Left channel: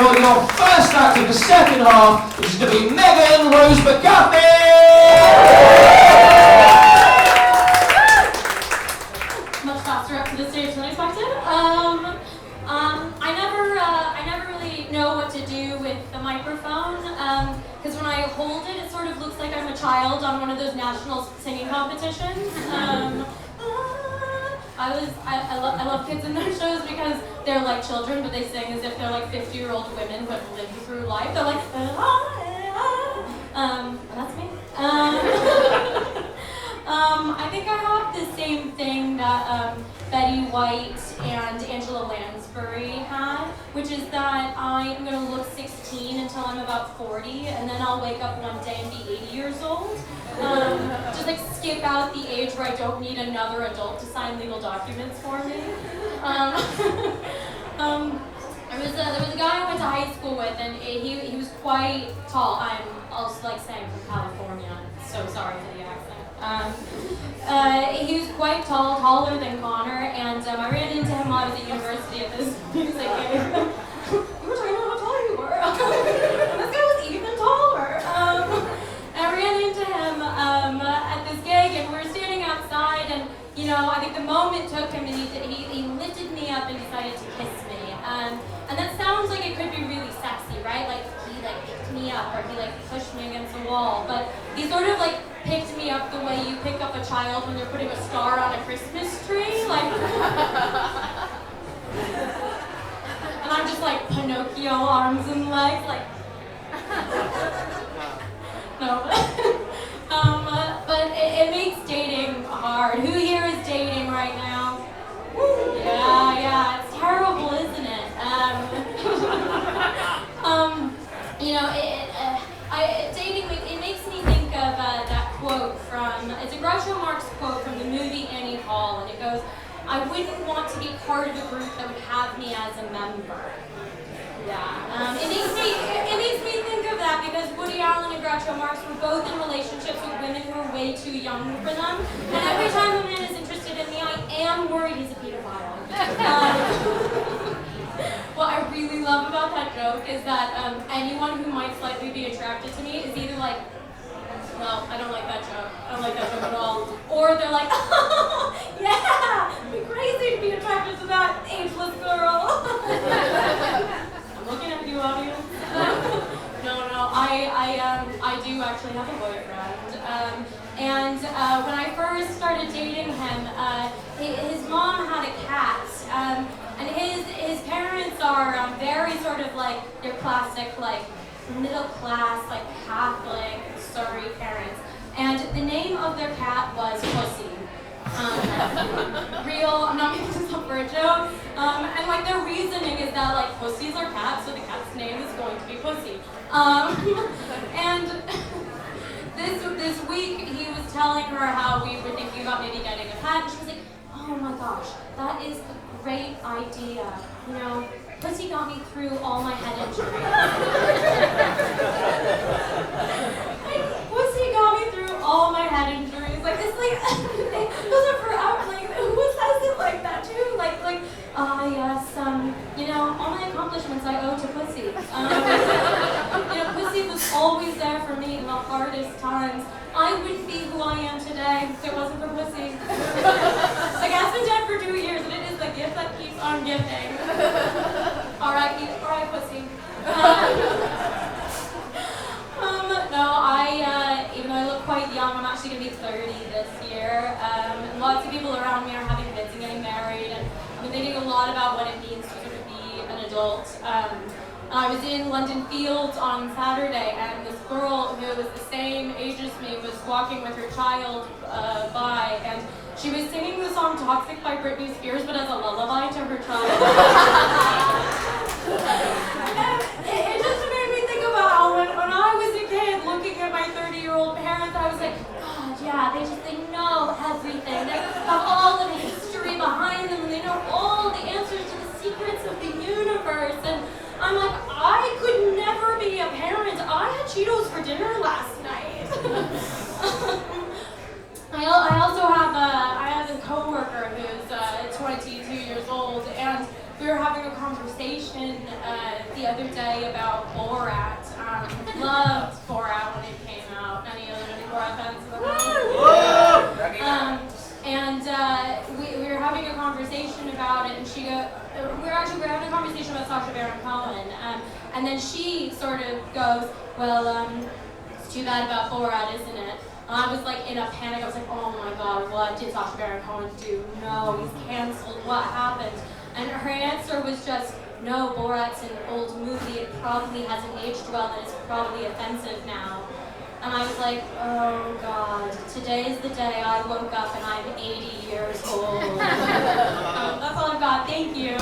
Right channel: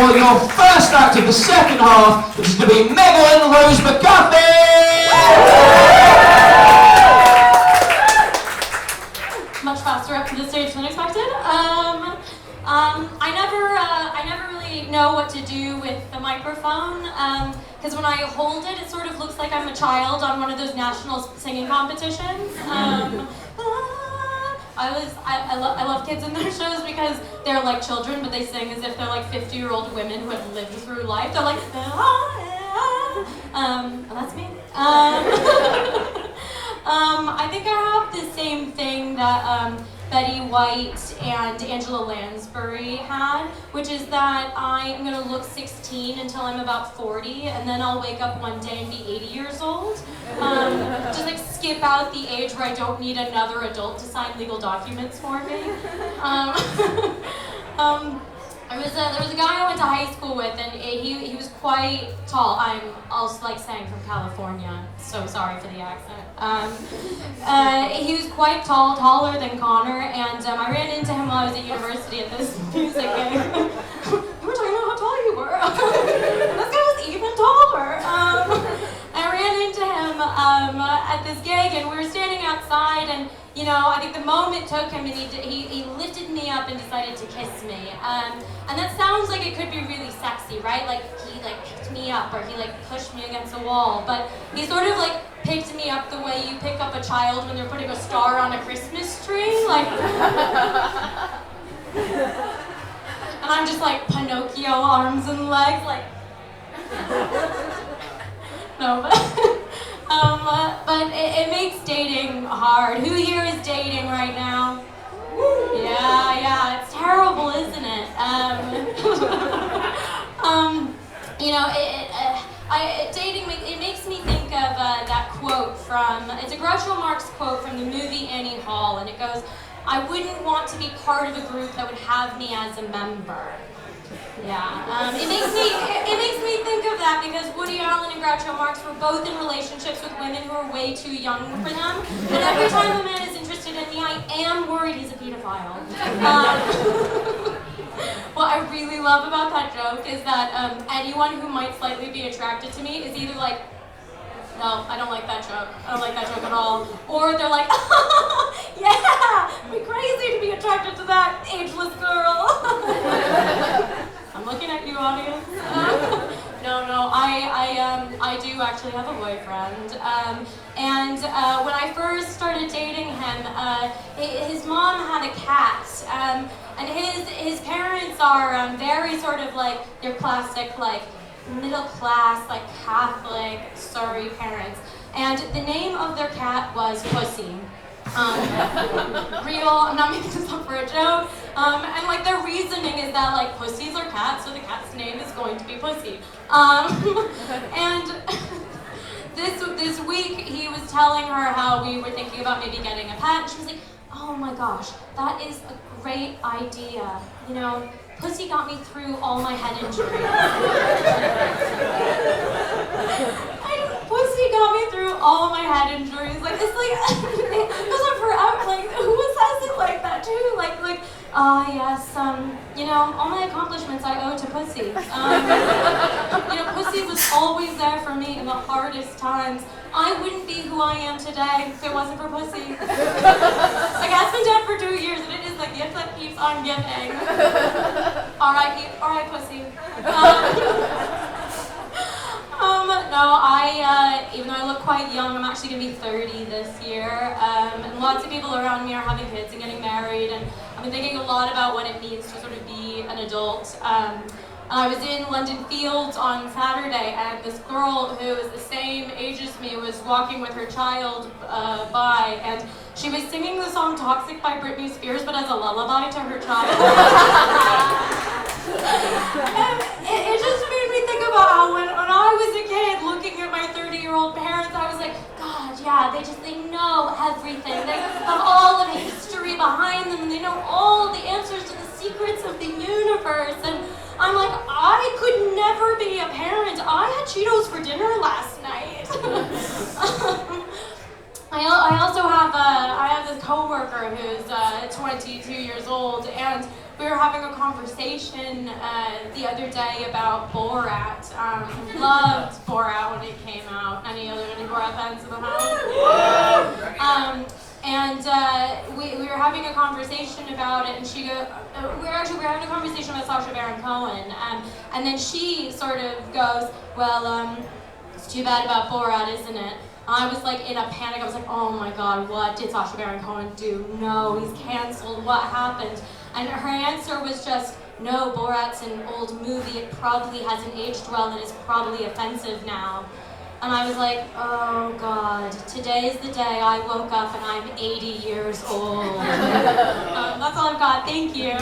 for your first act of the second half, which is going to be McCarthy! Much faster up to the stage than expected. I never really know what to do with the microphone, because when I hold it, it sort of looks like I'm a child on one of those national singing competitions. I love kids in their shows because they're like children, but they sing as if they're like 50-year-old women who have lived through life. They're like, that's me. I think I have the same thing that Betty White and Angela Lansbury had, which is that I am going to look 16 until I'm about 40, and then I'll wake up one day and be 80 years old. Just like skip out the age where I don't need another adult to sign legal documents for me. There was a guy I went to high school with, and he was quite tall. I'm also like saying from California, so sorry for the accent. He was quite tall, taller than Connor, and I ran into him while I was at university at this music game. We were talking about how tall you were. This guy was even taller. I ran into him at this gig, and we were standing outside, and you know, I think the moment took him, and he lifted me up and decided to kiss me. And that sounds like it could be really sexy, right? Like he like picked me up, or he like pushed me against a wall. But he sort of like picked me up the way you pick up a child when they're putting a star on a Christmas tree, like. And I'm just like Pinocchio, arms and legs, like. No, but it makes dating hard. Who here is dating right now? Yeah, it's terrible, isn't it? You know, dating, it makes me think of that quote from, it's a Groucho Marx quote from the movie Annie Hall, and it goes, "I wouldn't want to be part of a group that would have me as a member." Yeah, it makes me think of that because Woody Allen and Groucho Marx were both in relationships with women who are way too young for them. And every time a man is interested in me, I am worried he's a pedophile. What I really love about that joke is that anyone who might slightly be attracted to me is either like, no, I don't like that joke. I don't like that joke at all. Or they're like, yeah, it'd be crazy to be attracted to that ageless girl. I'm looking at you, audience. No, I do actually have a boyfriend. And when I first started dating him, his mom had a cat. And his parents are very sort of like your classic like middle class, like Catholic Surrey parents. And the name of their cat was Pussy. Real, I'm not making this up for a joke. And like their reasoning is that like pussies are cats, so the cat's name is going to be Pussy. And this week he was telling her how we were thinking about maybe getting a pet. She was like, "Oh my gosh, that is a great idea. You know, Pussy got me through all my head injuries." Pussy got me through all my head injuries. Like it's like it goes on forever. Like who says it like that too? Like yes, you know, all my accomplishments I owe to Pussy. You know, Pussy was always there for me in the hardest times. I wouldn't be who I am today if it wasn't for Pussy. Like I've been dead for 2 years, and it is the gift that keeps on giving. Alright, Pussy. No, even though I look quite young, I'm actually going to be 30 this year. Lots of people around me are having kids and getting married, and I've been thinking a lot about what it means to sort of be an adult. I was in London Fields on Saturday, and this girl who was the same age as me was walking with her child by, and she was singing the song Toxic by Britney Spears, but as a lullaby to her child. And it just made me think about how when I was a kid looking at my 30-year-old parents, I was like, God, yeah, they know everything. They have all of the history behind them, and they know all the answers to the secrets of the universe. And I'm like, I could never be a parent. I had Cheetos for dinner last night. I also have this coworker who's 22 years old, and we were having a conversation conversation the other day about Borat. Loved Borat when it came out. Any Borat fans in the house? And we were having a conversation about it, and she goes, we were having a conversation about Sacha Baron Cohen, and then she sort of goes, well, it's too bad about Borat, isn't it? I was like in a panic. I was like, oh my god, what did Sacha Baron Cohen do? No, he's canceled. What happened? And her answer was just, no, Borat's an old movie. It probably hasn't aged well, and it's probably offensive now. And I was like, oh god, today is the day I woke up and I'm 80 years old. That's all I've got. Thank you.